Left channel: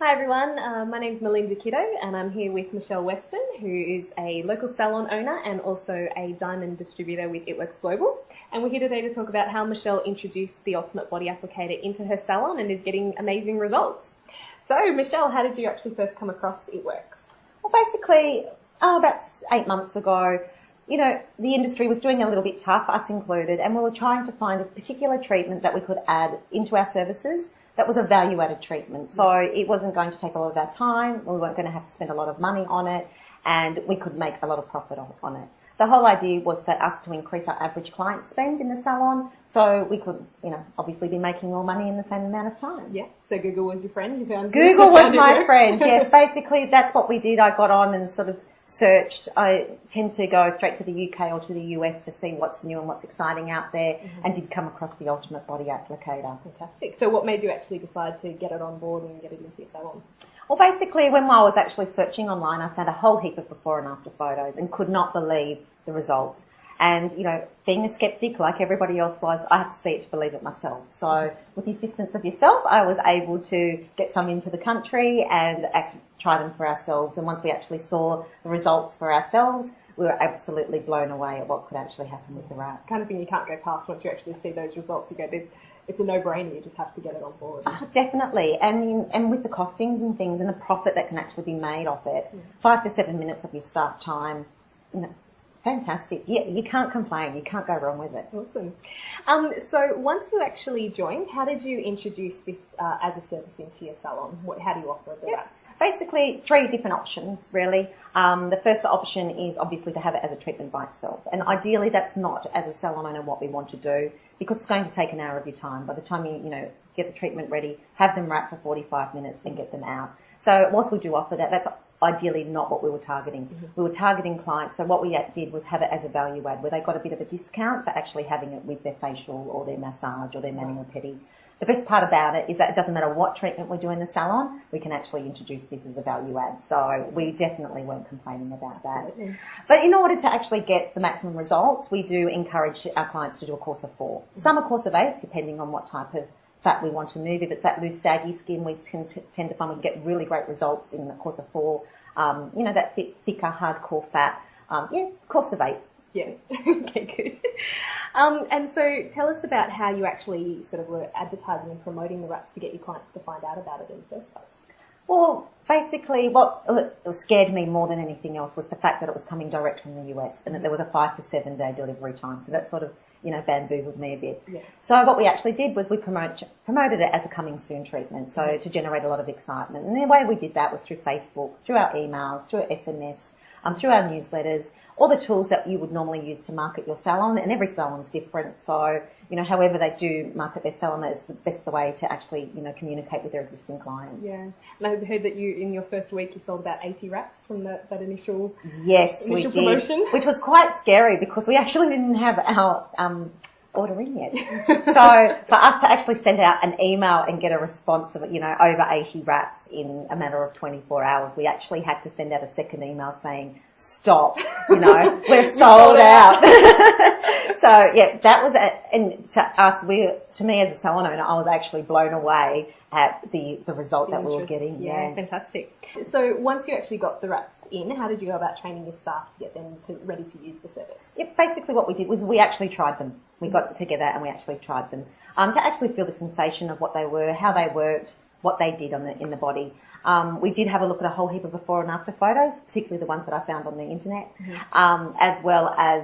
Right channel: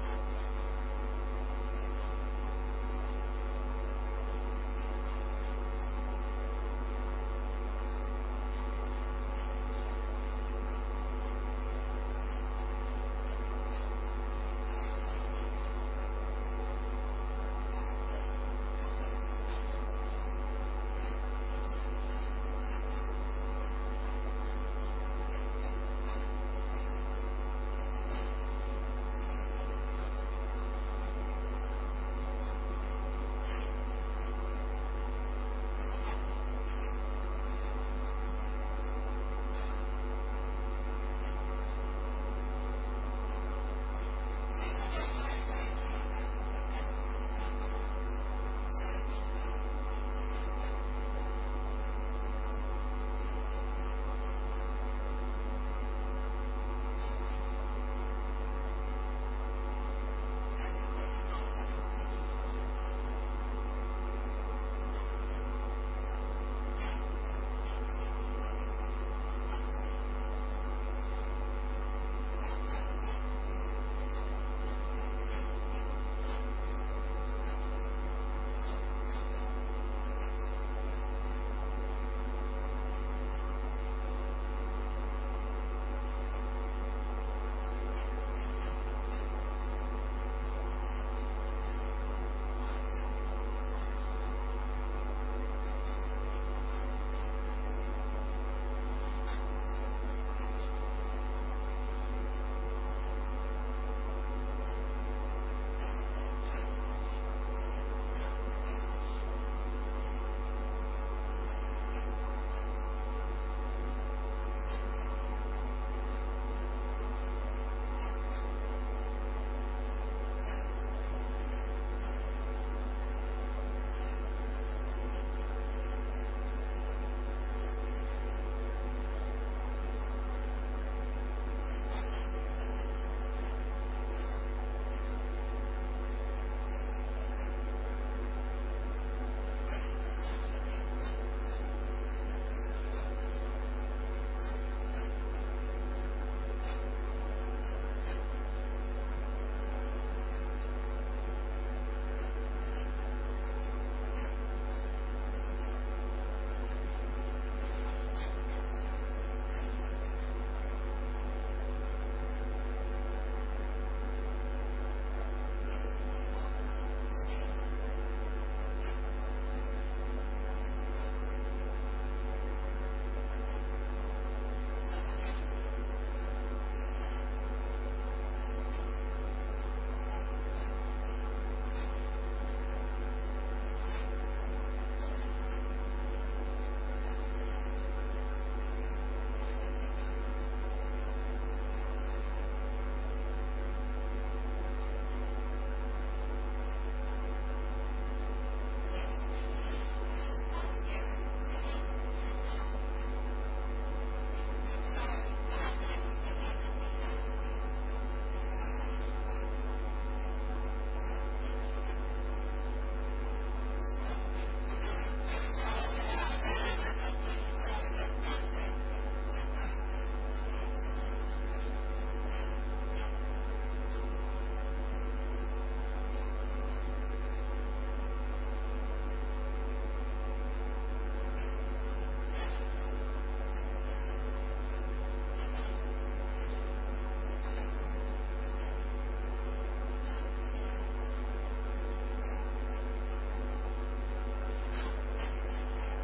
Hi everyone, my name's Melinda Kiddo and I'm here with Michelle Weston, who is a local salon owner and also a diamond distributor with ItWorks Global. And we're here today to talk about how Michelle introduced the Ultimate Body Applicator into her salon and is getting amazing results. So Michelle, how did you actually first come across ItWorks? Well, basically, about 8 months ago, the industry was doing a little bit tough, us included, and we were trying to find a particular treatment that we could add into our services that was a value-added treatment. So it wasn't going to take a lot of our time, we weren't going to have to spend a lot of money on it, and we could make a lot of profit on it. The whole idea was for us to increase our average client spend in the salon, so we could, obviously be making more money in the same amount of time. Yeah, so Google was your friend? Google was my friend, yes. Basically, that's what we did. I got on and sort of searched. I tend to go straight to the UK or to the US to see what's new and what's exciting out there, and did come across the Ultimate Body Applicator. Fantastic. So what made you actually decide to get it on board and get it into your salon? Well, basically, when I was actually searching online, I found a whole heap of before and after photos and could not believe the results. And, being a skeptic like everybody else was, I had to see it to believe it myself. So with the assistance of yourself, I was able to get some into the country and try them for ourselves. And once we actually saw the results for ourselves, we were absolutely blown away at what could actually happen with the wrap. Kind of thing you can't go past once you actually see those results. You go, it's a no-brainer, you just have to get it on board. Definitely, and with the costings and things and the profit that can actually be made off it, 5 to 7 minutes of your staff time, fantastic. Yeah, you can't complain, you can't go wrong with it. Awesome. So once you actually joined, how did you introduce this as a service into your salon? How do you offer the wraps? Basically, 3 different options, really. The first option is obviously to have it as a treatment by itself. And ideally, that's not, as a salon owner, what we want to do, because it's going to take an hour of your time. By the time you, get the treatment ready, have them wrap for 45 minutes and get them out. So whilst we do offer that, that's ideally not what we were targeting. We were targeting clients, so what we did was have it as a value add, where they got a bit of a discount for actually having it with their facial or their massage or their mani or pedi. The best part about it is that it doesn't matter what treatment we do in the salon, we can actually introduce this as a value add. So we definitely weren't complaining about that. But in order to actually get the maximum results, we do encourage our clients to do a course of 4. Some a course of 8, depending on what type of fat we want to move. If it's that loose, saggy skin, we tend to find we get really great results in the course of 4. That thicker, hardcore fat, course of 8. Yeah, okay, good. And so tell us about how you actually sort of were advertising and promoting the wraps to get your clients to find out about it in the first place. Well, basically what scared me more than anything else was the fact that it was coming direct from the US and that there was a 5 to 7 day delivery time. So that sort of, bamboozled me a bit. Yeah. So what we actually did was we promoted it as a coming soon treatment, so to generate a lot of excitement. And the way we did that was through Facebook, through our emails, through SMS, through our newsletters, all the tools that you would normally use to market your salon, and every salon is different. So, however they do market their salon, is the best way to actually, communicate with their existing clients. Yeah, and I heard that you, in your first week, you sold about 80 wraps from that initial we did, promotion. Which was quite scary because we actually didn't have our order in yet. So for us to actually send out an email and get a response of, over 80 wraps in a matter of 24 hours, we actually had to send out a second email saying, stop, we're sold out. So yeah, that was it. And to us, to me as a salon owner, I was actually blown away at the result that we were getting. Yeah, fantastic. So once you actually got the wraps in, how did you go about training the staff to get them ready to use the service? Yeah, basically what we did was we actually tried them. We got together and we actually tried them to actually feel the sensation of what they were, how they worked, what they did in the body. We did have a look at a whole heap of before and after photos, particularly the ones that I found on the internet, as well as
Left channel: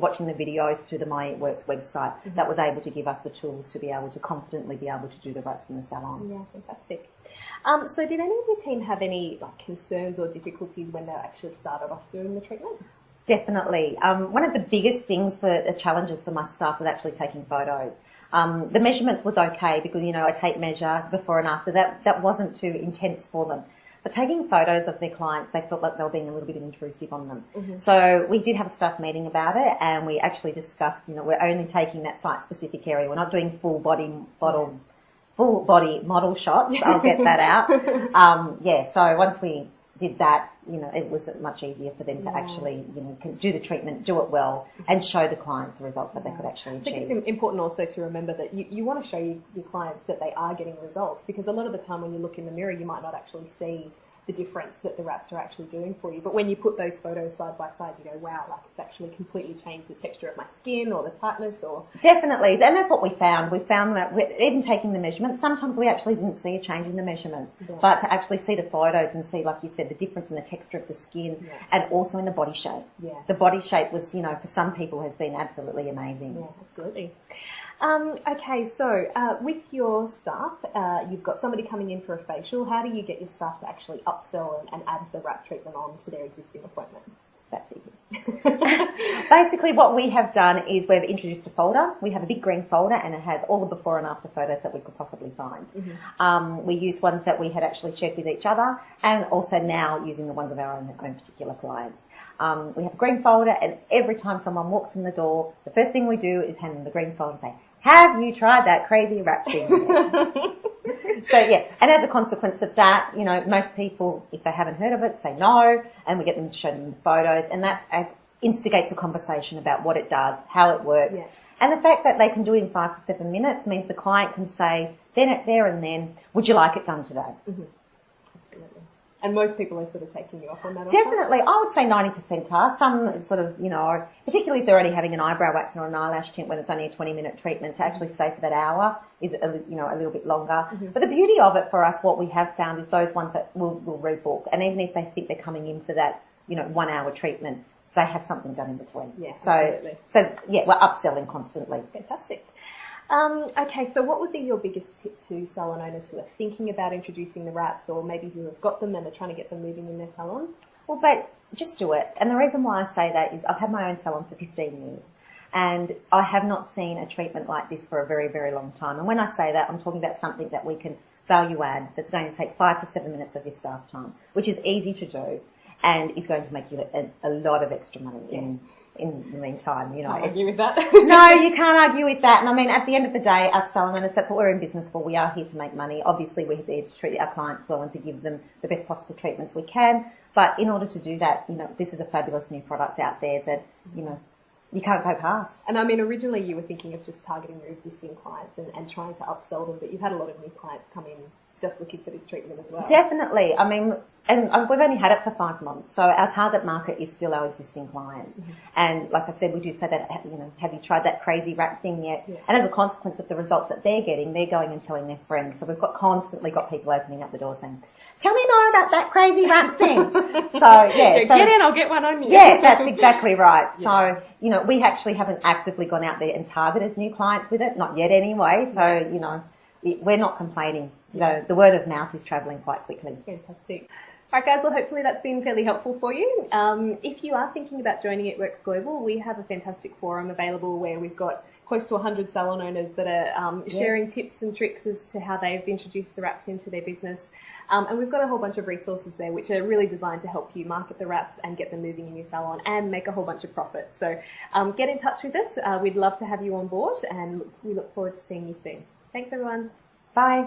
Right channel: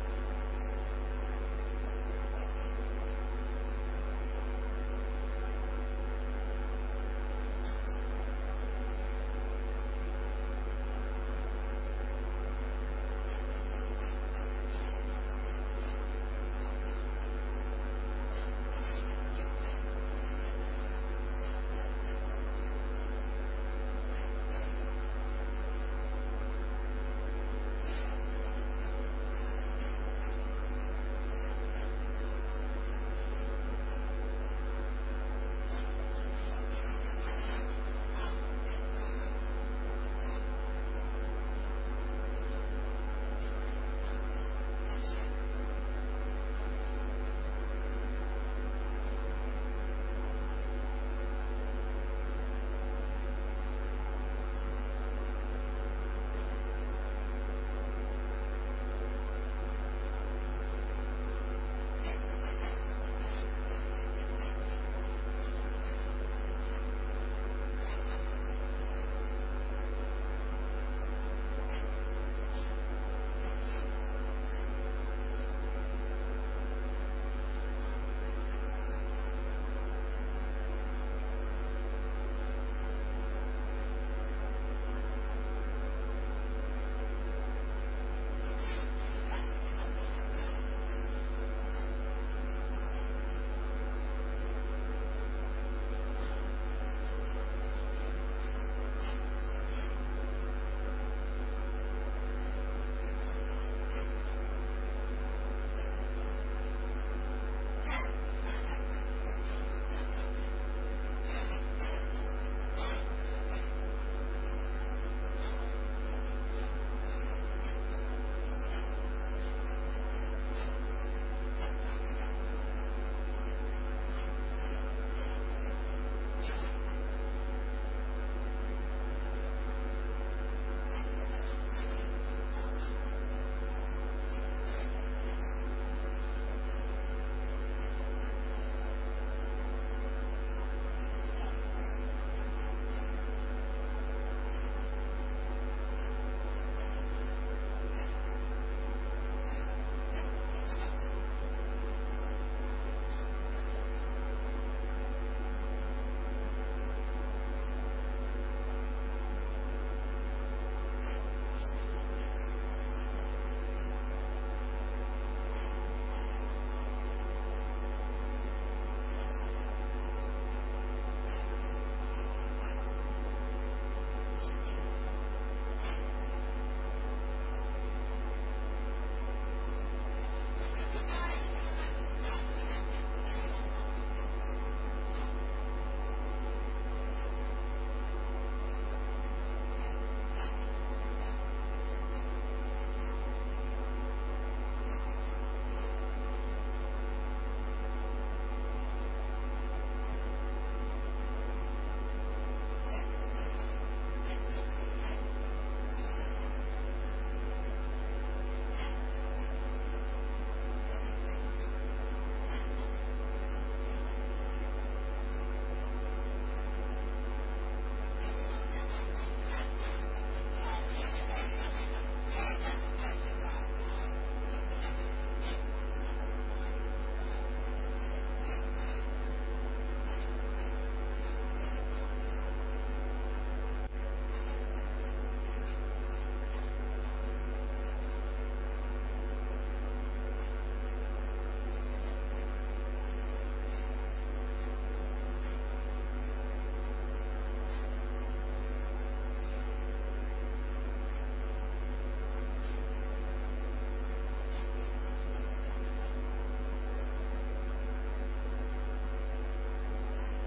watching the videos through the My ItWorks website. That was able to give us the tools to be able to confidently be able to do the wraps in the salon. Yeah, fantastic. So did any of the team have any concerns or difficulties when they actually started off doing the treatment? Definitely. One of the biggest things the challenges for my staff was actually taking photos. The measurements was okay because, I tape measure before and after. That wasn't too intense for them. But taking photos of their clients, they felt like they were being a little bit intrusive on them. So we did have a staff meeting about it, and we actually discussed, we're only taking that site-specific area. We're not doing full body model shots. I'll get that out. So once we did that, it was much easier for them to actually, do the treatment, do it well, and show the clients the results that they could actually achieve. I think it's important also to remember that you want to show your clients that they are getting results, because a lot of the time when you look in the mirror, you might not actually see the difference that the wraps are actually doing for you. But when you put those photos side by side, you go, wow, it's actually completely changed the texture of my skin or the tightness or... Definitely, and that's what we found. We found that even taking the measurements, sometimes we actually didn't see a change in the measurements, but to actually see the photos and see, like you said, the difference in the texture of the skin and also in the body shape. Yeah. The body shape was, for some people has been absolutely amazing. Yeah, absolutely. Okay, so with your staff, you've got somebody coming in for a facial. How do you get your staff to actually upsell and add the wrap treatment on to their existing appointment? That's easy. Basically, what we have done is we've introduced a folder. We have a big green folder, and it has all the before and after photos that we could possibly find. Mm-hmm. We used ones that we had actually shared with each other, and also now using the ones of our own particular clients. We have a green folder, and every time someone walks in the door, the first thing we do is hand them the green folder and say, have you tried that crazy wrap thing? So yeah, and as a consequence of that, most people, if they haven't heard of it, say no, and we get them to show them photos, and that instigates a conversation about what it does, how it works, and the fact that they can do it in 5 to 7 minutes means the client can say, there and then, would you like it done today? Mm-hmm. And most people are sort of taking you up on that. Definitely, I would say 90% are. Some sort of, particularly if they're already having an eyebrow wax or an eyelash tint when it's only a 20-minute treatment, to actually stay for that hour is a little bit longer. Mm-hmm. But the beauty of it for us, what we have found, is those ones that will rebook, and even if they think they're coming in for that 1 hour treatment, they have something done in between. Yeah, so we're upselling constantly. Fantastic. Okay, so what would be your biggest tip to salon owners who are thinking about introducing the wraps, or maybe who have got them and they're trying to get them moving in their salon? Well, but just do it. And the reason why I say that is I've had my own salon for 15 years, and I have not seen a treatment like this for a very, very long time. And when I say that, I'm talking about something that we can value add, that's going to take 5 to 7 minutes of your staff time, which is easy to do and is going to make you a lot of extra money in the meantime. Can't argue with that. No, you can't argue with that. And I mean, at the end of the day, us salon owners, that's what we're in business for. We are here to make money. Obviously, we're here to treat our clients well and to give them the best possible treatments we can. But in order to do that, this is a fabulous new product out there that, you can't go past. And I mean, originally you were thinking of just targeting your existing clients and trying to upsell them, but you've had a lot of new clients come in just looking for this treatment as well. Definitely. I mean, and we've only had it for 5 months, so our target market is still our existing clients. Mm-hmm. And like I said, we do say that, have you tried that crazy wrap thing yet? Yeah. And as a consequence of the results that they're getting, they're going and telling their friends. So we've constantly got people opening up the door saying, tell me more about that crazy wrap thing. Get in, I'll get one on you. Yeah, that's exactly right. Yeah. So, we actually haven't actively gone out there and targeted new clients with it, not yet anyway. So, we're not complaining. The word of mouth is travelling quite quickly. Fantastic. Alright guys, well hopefully that's been fairly helpful for you. If you are thinking about joining It Works Global, we have a fantastic forum available where we've got close to 100 salon owners that are sharing tips and tricks as to how they've introduced the wraps into their business. And we've got a whole bunch of resources there which are really designed to help you market the wraps and get them moving in your salon and make a whole bunch of profit. So get in touch with us. We'd love to have you on board, and we look forward to seeing you soon. Thanks everyone. Bye.